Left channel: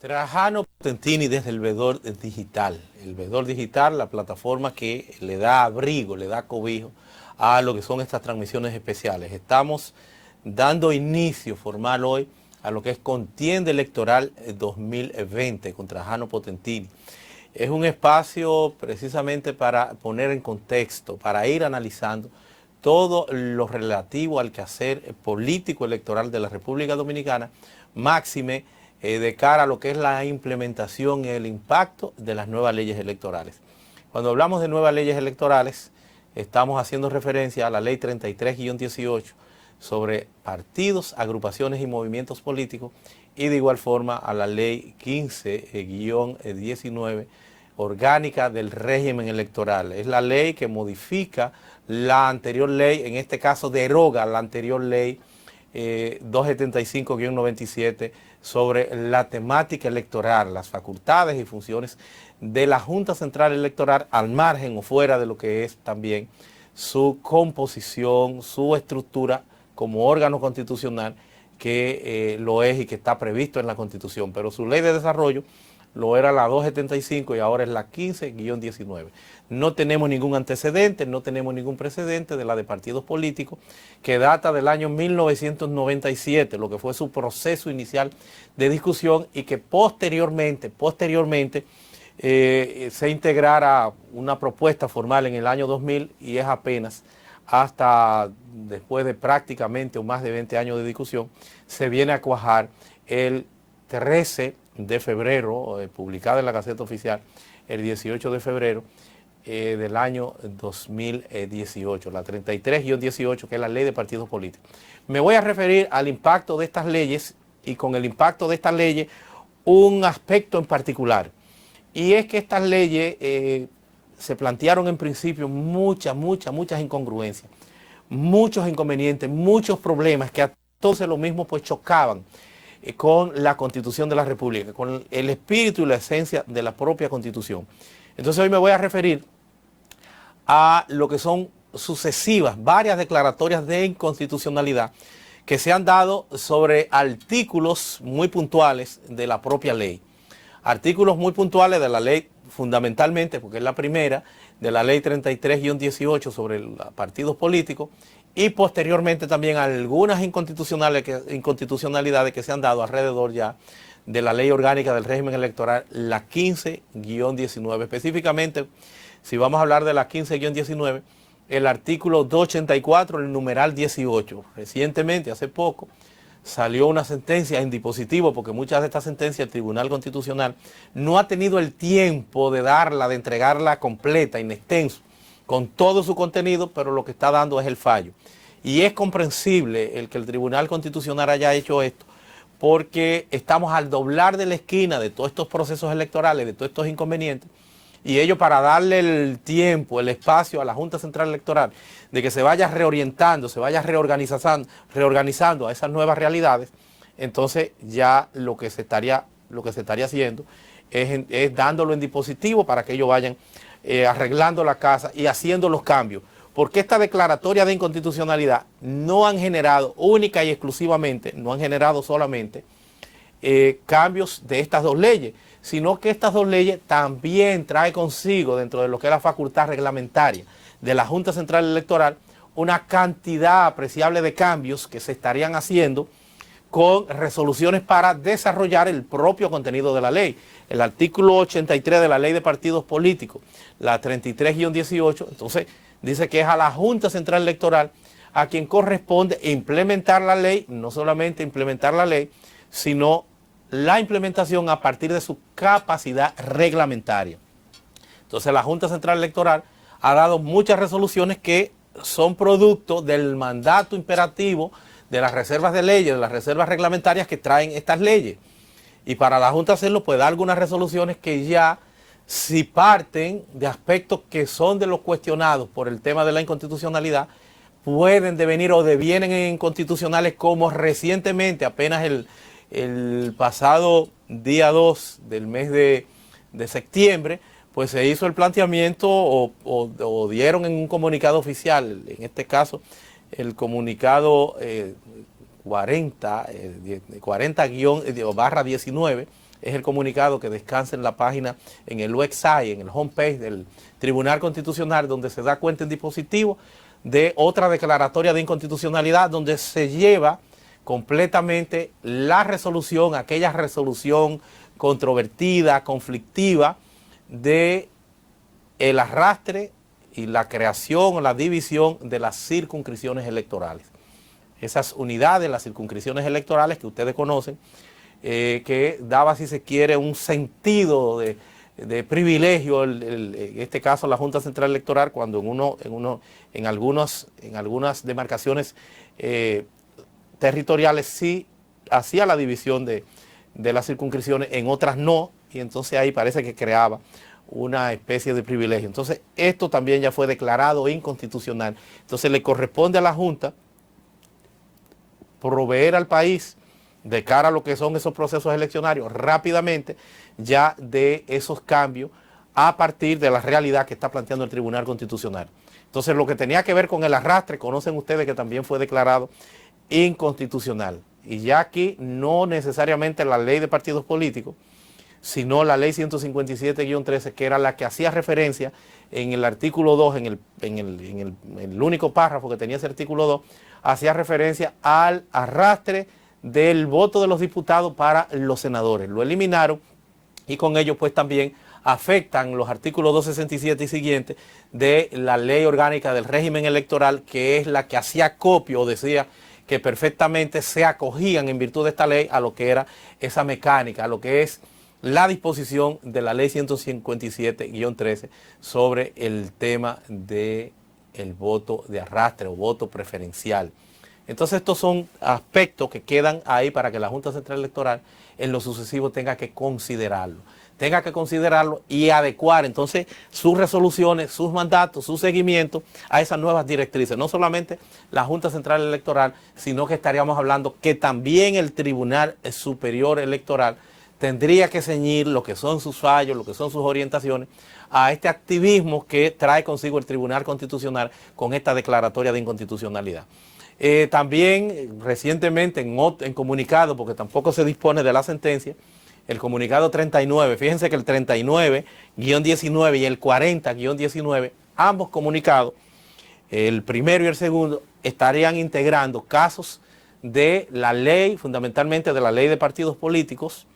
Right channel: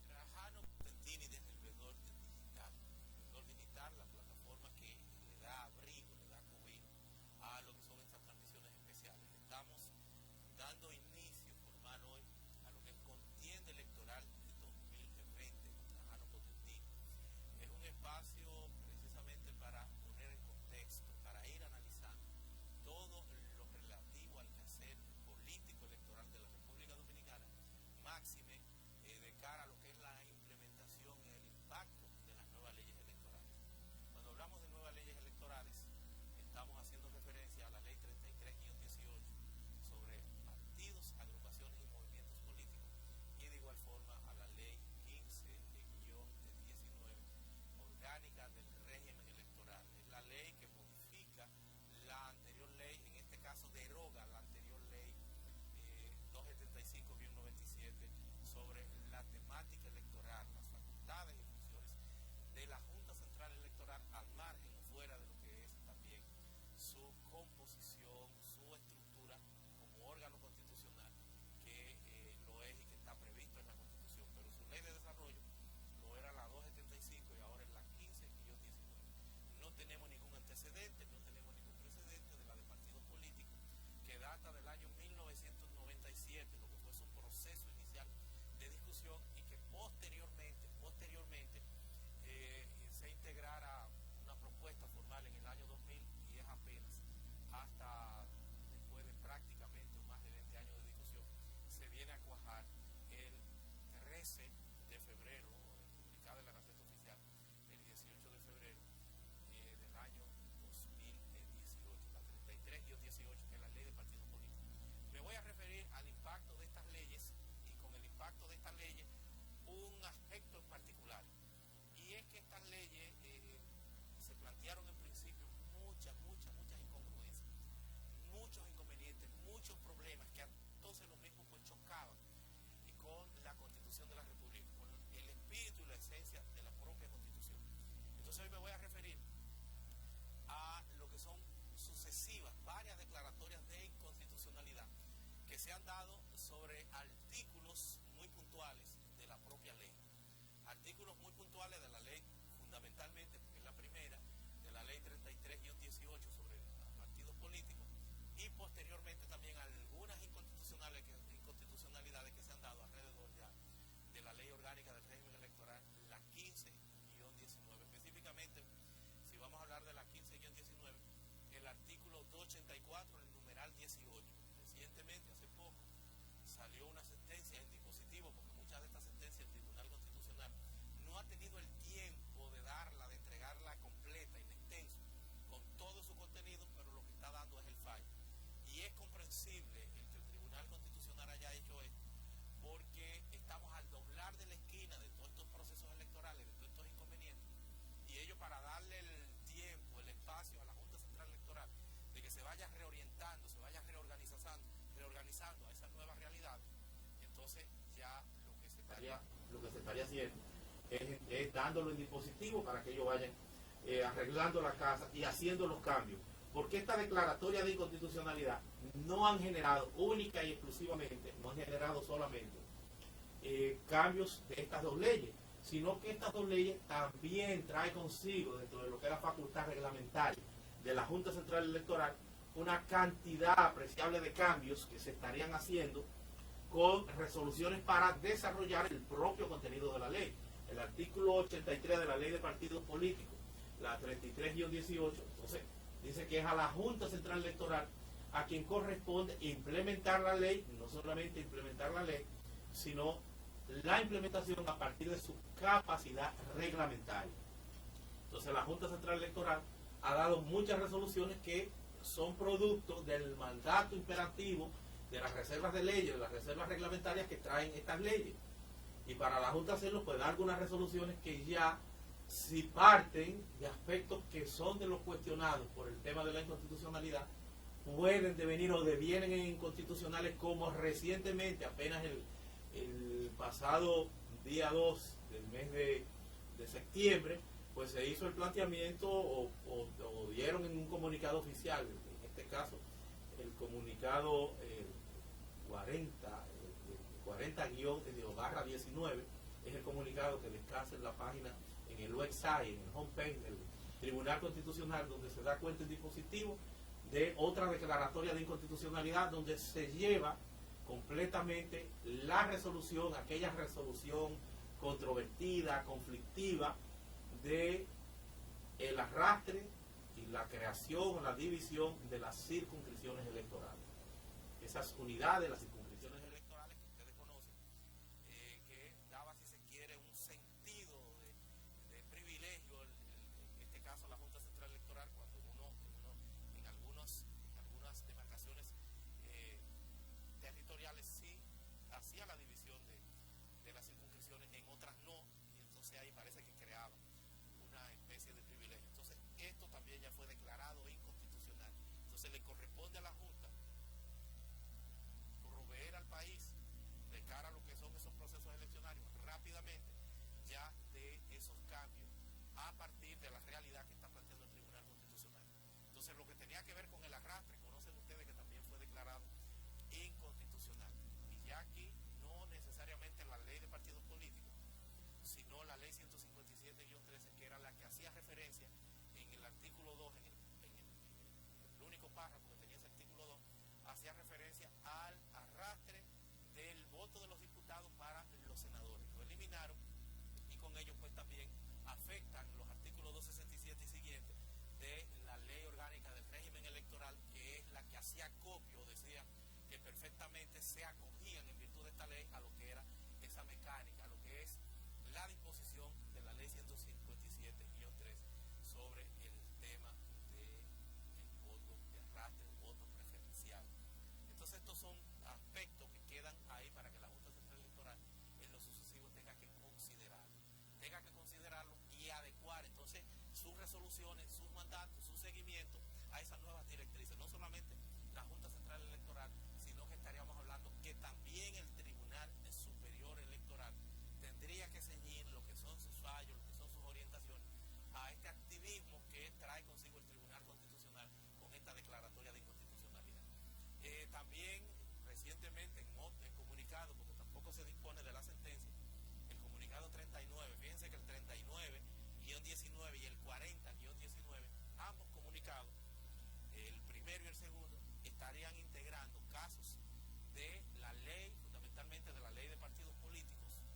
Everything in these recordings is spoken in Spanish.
Trajano Potentini desde el Vedor Digital. El Vedor Digital, la plataforma que le da abrigo, le da cobijo a lo que son estas transmisiones especiales. Estamos dando inicio formal hoy a lo que es contienda electoral 2020 con Trajano Potentini. Es un espacio precisamente para poner en contexto, para ir analizando todo lo relativo al quehacer político electoral de la República Dominicana, máxime de cara a lo que es la implementación y el impacto de las nuevas leyes electorales. Cuando hablamos de nuevas leyes electorales, estamos haciendo referencia a la ley 33-18 sobre partidos, agrupaciones y movimientos políticos, y de igual forma a la ley 15-19 orgánica del régimen electoral. Es la ley que modifica la anterior ley, en este caso deroga la anterior ley 275-97 sobre la temática electoral, las facultades y funciones de la Junta Central Electoral al margen o fuera de lo que es también su composición, su estructura como órgano constitucional que lo es y que está previsto en la Constitución, pero su ley de desarrollo lo era la 275 y ahora es la 15-19. No tenemos ningún antecedente, no tenemos ningún precedente de la de partidos políticos que data del año 1997, lo que fue su proceso inicial de discusión y que posteriormente se integrara una propuesta formal en el año 2000 y es apenas hasta después de prácticamente o más de 20 años de discusión, se viene a cuajar el 13 de febrero, publicada en la Gaceta Oficial, el 18 de febrero del año 2018, la 33-18, que es la ley de partidos políticos. Me voy a referir al impacto de estas leyes y con el impacto de estas leyes un aspecto en particular, y es que estas leyes se plantearon en principio muchas incongruencias, muchos inconvenientes, muchos problemas que a todos lo mismo pues chocaban con la Constitución de la República, con el espíritu y la esencia de la propia Constitución. Entonces hoy me voy a referir a lo que son sucesivas, varias declaratorias de inconstitucionalidad que se han dado sobre artículos muy puntuales de la propia ley. Artículos muy puntuales de la ley, fundamentalmente, porque es la primera, de la ley 33-18 sobre los partidos políticos, y posteriormente también algunas inconstitucionalidades que se han dado alrededor ya de la ley orgánica del régimen electoral, la 15-19. Específicamente, si vamos a hablar de la 15-19, el artículo 284, el numeral 18. Recientemente, hace poco, salió una sentencia en dispositivo, porque muchas de estas sentencias el Tribunal Constitucional no ha tenido el tiempo de darla, de entregarla completa, in extenso, con todo su contenido, pero lo que está dando es el fallo. Y es comprensible el que el Tribunal Constitucional haya hecho esto, porque estamos al doblar de la esquina de todos estos procesos electorales, de todos estos inconvenientes, y ello para darle el tiempo, el espacio a la Junta Central Electoral de que se vaya reorientando, se vaya reorganizando a esas nuevas realidades. Entonces ya lo que se estaría haciendo es dándolo en dispositivo para que ellos vayan arreglando la casa y haciendo los cambios, porque esta declaratoria de inconstitucionalidad no han generado única y exclusivamente, no han generado solamente cambios de estas dos leyes, sino que estas dos leyes también trae consigo, dentro de lo que es la facultad reglamentaria de la Junta Central Electoral, una cantidad apreciable de cambios que se estarían haciendo con resoluciones para desarrollar el propio contenido de la ley. El artículo 83 de la Ley de Partidos Políticos, la 33-18, entonces dice que es a la Junta Central Electoral a quien corresponde implementar la ley, no solamente implementar la ley, sino la implementación a partir de su capacidad reglamentaria. Entonces la Junta Central Electoral ha dado muchas resoluciones que son producto del mandato imperativo de las reservas de leyes, de las reservas reglamentarias que traen estas leyes. Y para la Junta hacerlo, puede dar algunas resoluciones que ya, si parten de aspectos que son de los cuestionados por el tema de la inconstitucionalidad, pueden devenir o devienen inconstitucionales, como recientemente, apenas el pasado día 2 del mes de septiembre, pues se hizo el planteamiento o dieron en un comunicado oficial, en este caso el comunicado 40-19, es el comunicado que descansa en la página, en el website, en el homepage del Tribunal Constitucional, donde se da cuenta en dispositivo de otra declaratoria de inconstitucionalidad, donde se lleva completamente la resolución, aquella resolución controvertida, conflictiva, de el arrastre y la creación o la división de las circunscripciones electorales. Esas unidades, las circunscripciones electorales que ustedes conocen, que daba, si se quiere, un sentido de privilegio, en este caso la Junta Central Electoral, cuando en algunas demarcaciones territoriales sí hacía la división de las circunscripciones, en otras no, y entonces ahí parece que creaba una especie de privilegio. Entonces esto también ya fue declarado inconstitucional. Entonces le corresponde a la Junta proveer al país de cara a lo que son esos procesos eleccionarios rápidamente ya de esos cambios a partir de la realidad que está planteando el Tribunal Constitucional. Entonces lo que tenía que ver con el arrastre, conocen ustedes que también fue declarado inconstitucional. Y ya aquí no necesariamente la ley de partidos políticos, sino la ley 157-13, que era la que hacía referencia en el artículo 2, en el único párrafo que tenía ese artículo 2, hacía referencia al arrastre del voto de los diputados para los senadores. Lo eliminaron y con ello pues también afectan los artículos 267 y siguientes de la ley orgánica del régimen electoral, que es la que hacía copio o decía que perfectamente se acogían en virtud de esta ley a lo que era esa mecánica, a lo que es la disposición de la ley 157-13 sobre el tema del voto de arrastre o voto preferencial. Entonces estos son aspectos que quedan ahí para que la Junta Central Electoral en lo sucesivo tenga que considerarlo y adecuar entonces sus resoluciones, sus mandatos, su seguimiento a esas nuevas directrices. No solamente la Junta Central Electoral, sino que estaríamos hablando que también el Tribunal Superior Electoral tendría que ceñir lo que son sus fallos, lo que son sus orientaciones, a este activismo que trae consigo el Tribunal Constitucional con esta declaratoria de inconstitucionalidad. También recientemente en comunicado, porque tampoco se dispone de la sentencia, el comunicado 39, fíjense que el 39-19 y el 40-19, ambos comunicados, el primero y el segundo, estarían integrando casos de la ley, fundamentalmente de la ley de partidos políticos,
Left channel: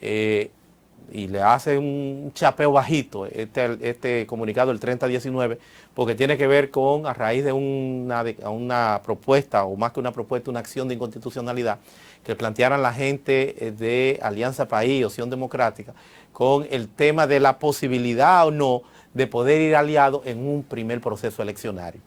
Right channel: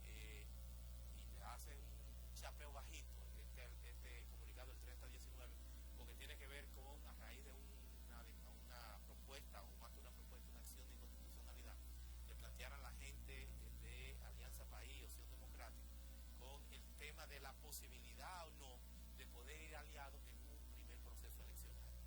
y le hace un chapeo bajito este comunicado, el 30-19, porque tiene que ver con, a raíz de una propuesta, o más que una propuesta, una acción de inconstitucionalidad que plantearan la gente de Alianza País, Opción Democrática, con el tema de la posibilidad o no de poder ir aliado en un primer proceso eleccionario.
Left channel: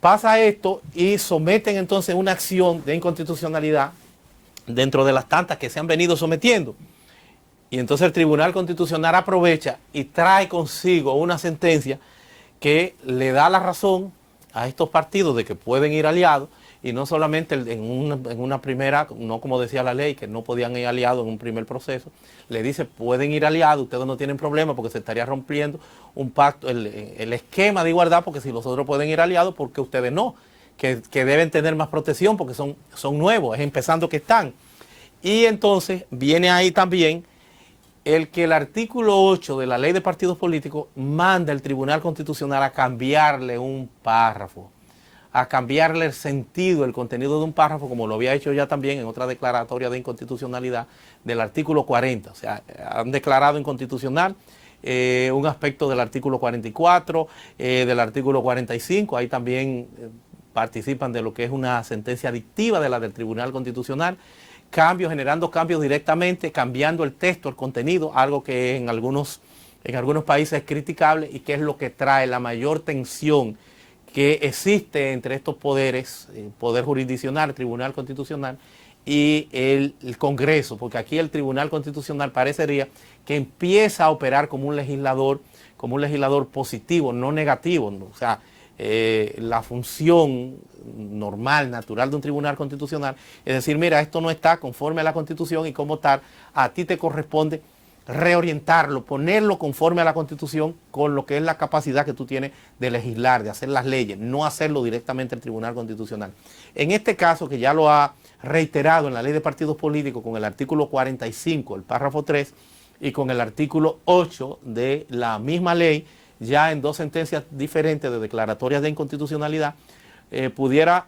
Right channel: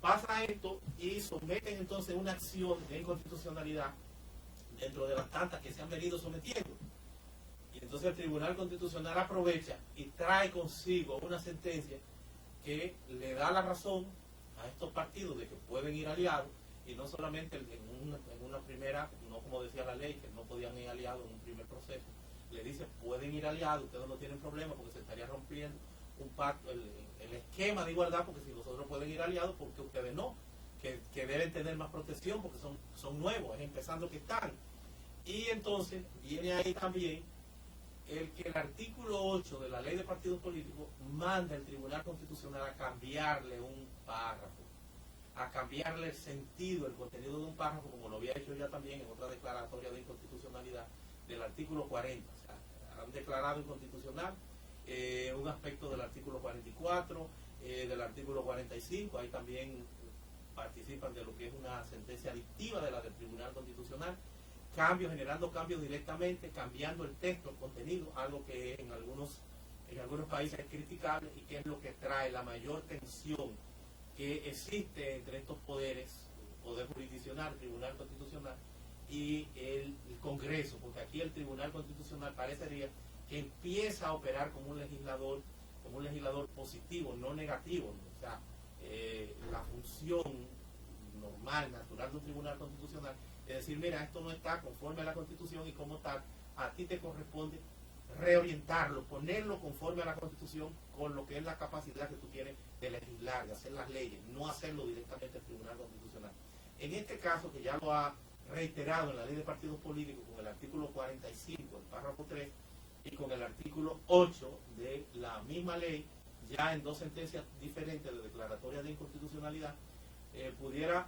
Pasa esto y someten entonces una acción de inconstitucionalidad dentro de las tantas que se han venido sometiendo. Y entonces el Tribunal Constitucional aprovecha y trae consigo una sentencia que le da la razón a estos partidos de que pueden ir aliados, y no solamente en una primera, no como decía la ley, que no podían ir aliados en un primer proceso, le dice pueden ir aliados, ustedes no tienen problema porque se estaría rompiendo un pacto, el esquema de igualdad, porque si los otros pueden ir aliados, ¿por qué ustedes no? Que deben tener más protección porque son nuevos, es empezando que están. Y entonces viene ahí también el que el artículo 8 de la ley de partidos políticos manda al Tribunal Constitucional a cambiarle un párrafo, a cambiarle el sentido, el contenido de un párrafo, como lo había hecho ya también en otra declaratoria de inconstitucionalidad del artículo 40. O sea, han declarado inconstitucional un aspecto del artículo 44, del artículo 45, ahí también participan de lo que es una sentencia dictiva de la del Tribunal Constitucional, generando cambios directamente, cambiando el texto, el contenido, algo que en algunos países es criticable y que es lo que trae la mayor tensión que existe entre estos poderes, el Poder Jurisdiccional, el Tribunal Constitucional y el Congreso, porque aquí el Tribunal Constitucional parecería que empieza a operar como un legislador positivo, no negativo, ¿no? O sea, la función normal, natural de un Tribunal Constitucional es decir, mira, esto no está conforme a la Constitución y como tal, a ti te corresponde reorientarlo, ponerlo conforme a la Constitución con lo que es la capacidad que tú tienes de legislar, de hacer las leyes, no hacerlo directamente el Tribunal Constitucional. En este caso, que ya lo ha reiterado en la ley de partidos políticos con el artículo 45, el párrafo 3, y con el artículo 8 de la misma ley, ya en dos sentencias diferentes de declaratorias de inconstitucionalidad, pudiera,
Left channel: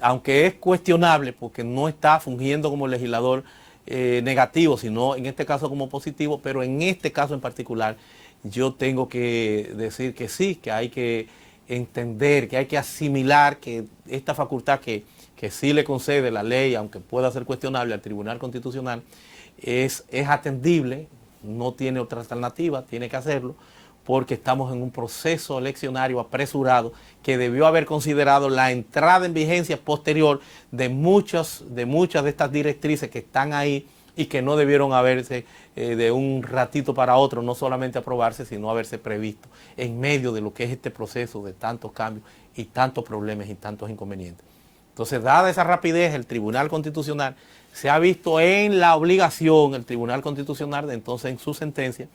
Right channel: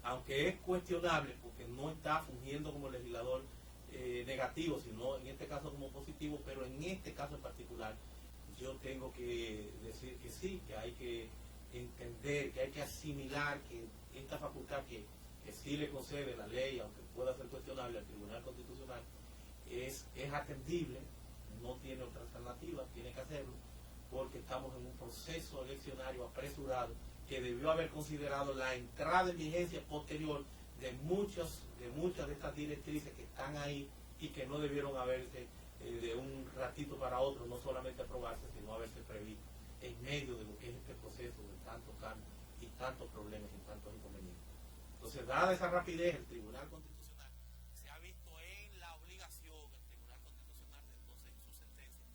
aunque es cuestionable porque no está fungiendo como legislador negativo, sino en este caso como positivo, pero en este caso en particular yo tengo que decir que sí, que hay que entender, que hay que asimilar que esta facultad que sí le concede la ley, aunque pueda ser cuestionable al Tribunal Constitucional, es atendible, no tiene otra alternativa, tiene que hacerlo, porque estamos en un proceso eleccionario apresurado que debió haber considerado la entrada en vigencia posterior de muchas de estas directrices que están ahí y que no debieron haberse de un ratito para otro, no solamente aprobarse, sino haberse previsto en medio de lo que es este proceso de tantos cambios y tantos problemas y tantos inconvenientes. Entonces, dada esa rapidez, el Tribunal Constitucional se ha visto en la obligación, el Tribunal Constitucional, de entonces en su sentencia,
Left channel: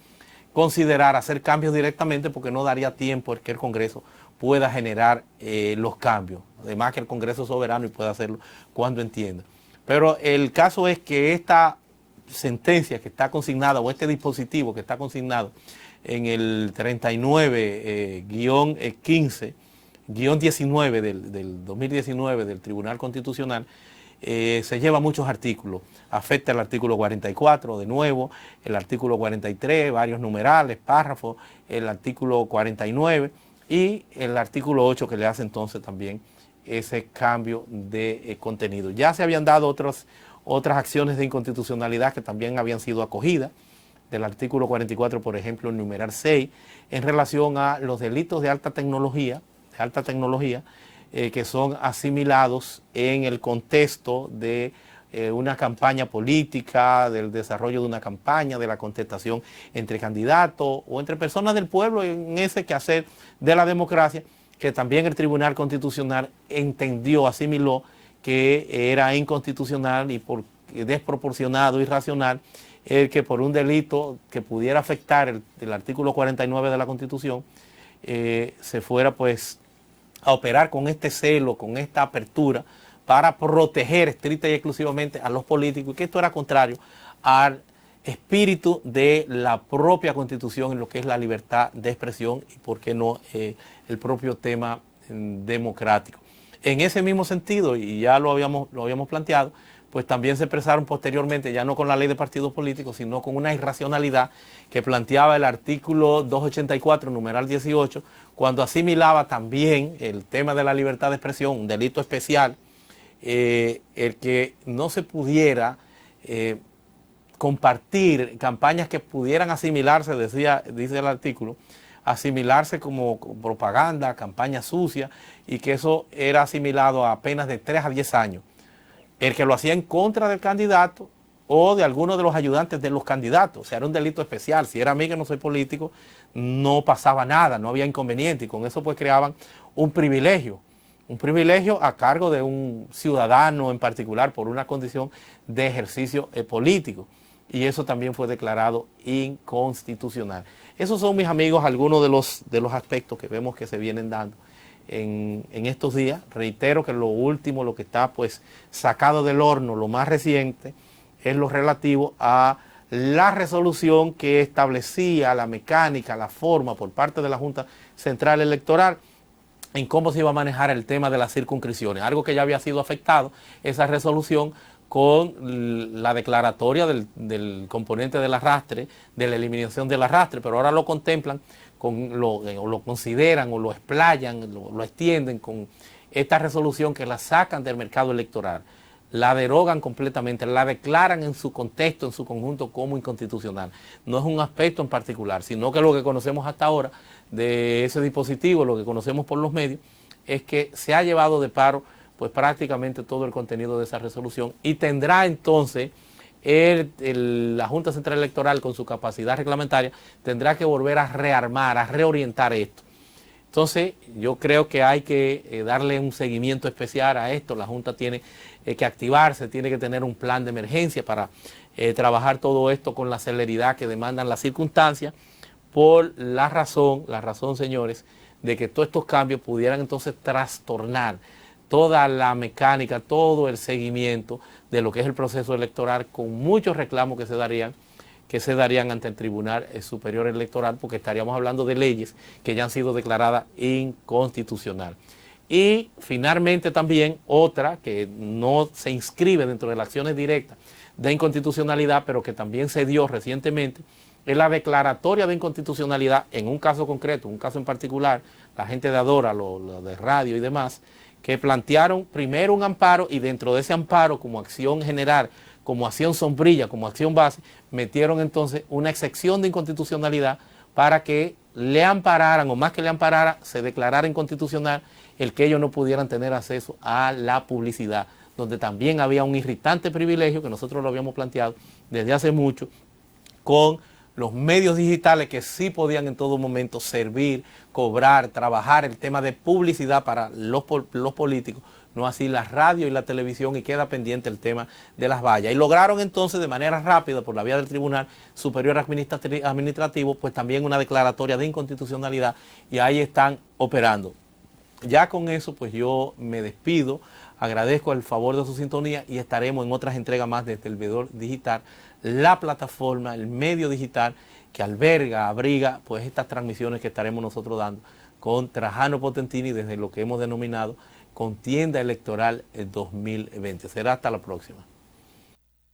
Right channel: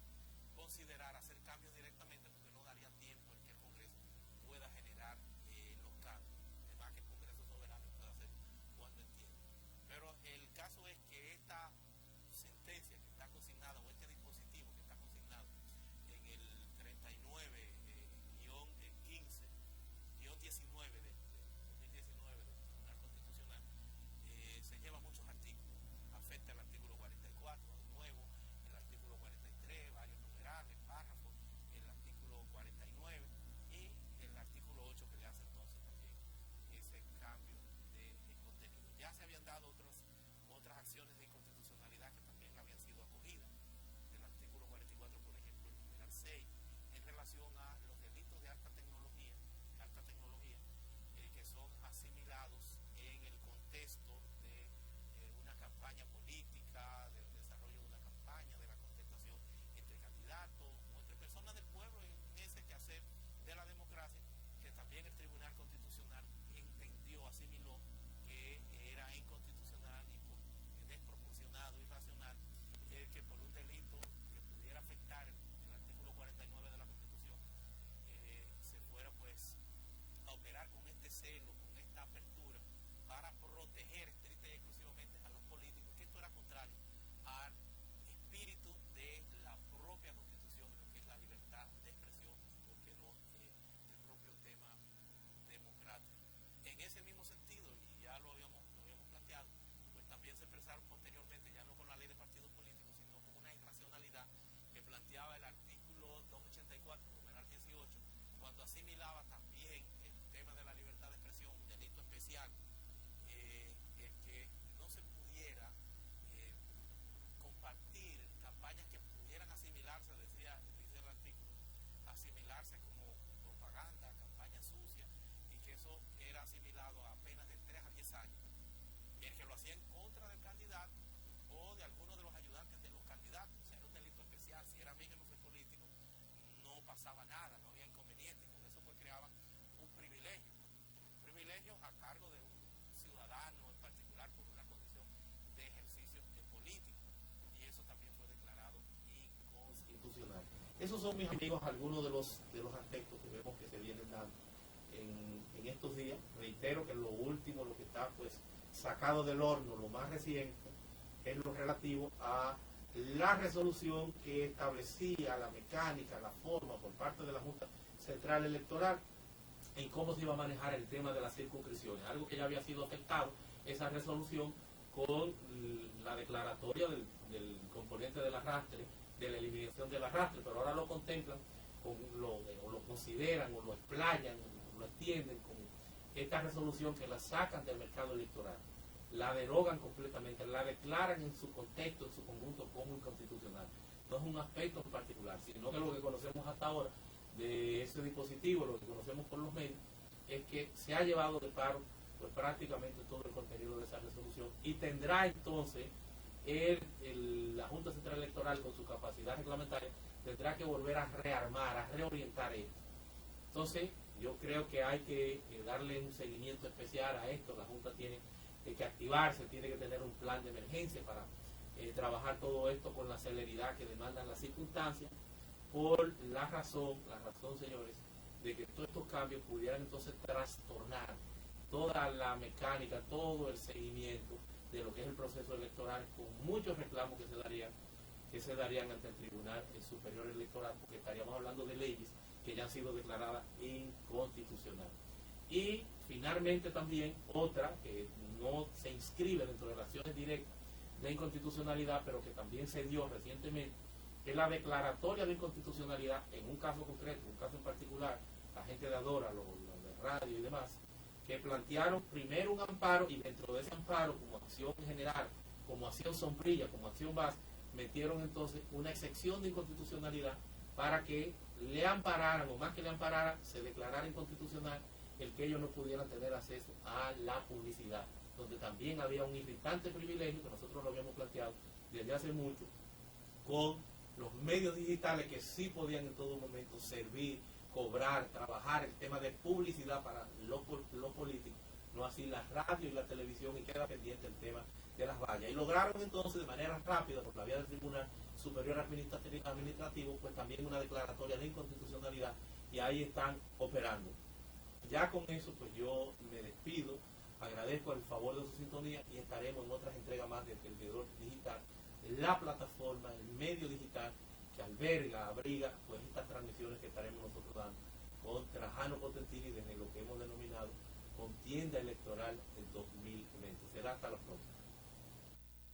considerar hacer cambios directamente porque no daría tiempo el que el Congreso pueda generar los cambios. Además que el Congreso es soberano y puede hacerlo cuando entienda. Pero el caso es que esta sentencia que está consignada o este dispositivo que está consignado en el 39-15-19 del 2019 del Tribunal Constitucional, se lleva muchos artículos. Afecta el artículo 44, de nuevo, el artículo 43, varios numerales, párrafos, el artículo 49 y el artículo 8 que le hace entonces también ese cambio de contenido. Ya se habían dado otras acciones de inconstitucionalidad que también habían sido acogidas, del artículo 44, por ejemplo, el numeral 6, en relación a los delitos de alta tecnología, que son asimilados en el contexto de una campaña política, del desarrollo de una campaña, de la contestación entre candidatos o entre personas del pueblo en ese quehacer de la democracia, que también el Tribunal Constitucional entendió, asimiló que era inconstitucional y desproporcionado, irracional, el que por un delito que pudiera afectar el artículo 49 de la Constitución, se fuera pues a operar con este celo, con esta apertura, para proteger estricta y exclusivamente a los políticos, y que esto era contrario al espíritu de la propia Constitución en lo que es la libertad de expresión y, por qué no, el propio tema democrático. En ese mismo sentido, y ya lo habíamos planteado, pues también se expresaron posteriormente, ya no con la ley de partidos políticos, sino con una irracionalidad que planteaba el artículo 284, numeral 18, cuando asimilaba también el tema de la libertad de expresión, un delito especial, el que no se pudiera compartir campañas que pudieran asimilarse, dice el artículo, asimilarse como propaganda, campaña sucia, y que eso era asimilado a penas de 3 a 10 años. El que lo hacía en contra del candidato o de alguno de los ayudantes de los candidatos. O sea, era un delito especial. Si era a mí, que no soy político, no pasaba nada, no había inconveniente. Y con eso pues creaban un privilegio a cargo de un ciudadano en particular por una condición de ejercicio político. Y eso también fue declarado inconstitucional. Esos son, mis amigos, algunos de los aspectos que vemos que se vienen dando en estos días. Reitero que lo último, lo que está pues sacado del horno, lo más reciente, es lo relativo a la resolución que establecía la mecánica, la forma por parte de la Junta Central Electoral en cómo se iba a manejar el tema de las circunscripciones, algo que ya había sido afectado, esa resolución, con la declaratoria del componente del arrastre, de la eliminación del arrastre, pero ahora lo contemplan, o lo consideran o lo explayan, lo extienden con esta resolución que la sacan del mercado electoral, la derogan completamente, la declaran en su contexto, en su conjunto, como inconstitucional. No es un aspecto en particular, sino que lo que conocemos hasta ahora de ese dispositivo, lo que conocemos por los medios, es que se ha llevado de paro pues prácticamente todo el contenido de esa resolución, y tendrá entonces la Junta Central Electoral, con su capacidad reglamentaria, tendrá que volver a rearmar, a reorientar esto. Entonces yo creo que hay que darle un seguimiento especial a esto. La Junta tiene que activarse, tiene que tener un plan de emergencia para trabajar todo esto con la celeridad que demandan las circunstancias, por la razón, señores, de que todos estos cambios pudieran entonces trastornar toda la mecánica, todo el seguimiento de lo que es el proceso electoral, con muchos reclamos que se darían ante el Tribunal Superior Electoral, porque estaríamos hablando de leyes que ya han sido declaradas inconstitucionales. Y finalmente también otra que no se inscribe dentro de las acciones directas de inconstitucionalidad, pero que también se dio recientemente, es la declaratoria de inconstitucionalidad en un caso concreto, un caso en particular, la gente de Adora, lo de radio y demás, que plantearon primero un amparo y dentro de ese amparo, como acción general, como acción sombrilla, como acción base, metieron entonces una excepción de inconstitucionalidad para que le ampararan, o más que le amparara, se declarara inconstitucional el que ellos no pudieran tener acceso a la publicidad, donde también había un irritante privilegio que nosotros lo habíamos planteado desde hace mucho, con los medios digitales que sí podían en todo momento servir, cobrar, trabajar el tema de publicidad para los políticos, no así la radio y la televisión, y queda pendiente el tema de las vallas. Y lograron entonces de manera rápida, por la vía del Tribunal Superior Administrativo, pues también una declaratoria de inconstitucionalidad, y ahí están operando. Ya con eso, pues yo me despido, agradezco el favor de su sintonía y estaremos en otras entregas más desde el Veedor Digital, la plataforma, el medio digital que abriga pues estas transmisiones que estaremos nosotros dando con Trajano Potentini desde lo que hemos denominado Contienda Electoral 2020. Será hasta la próxima.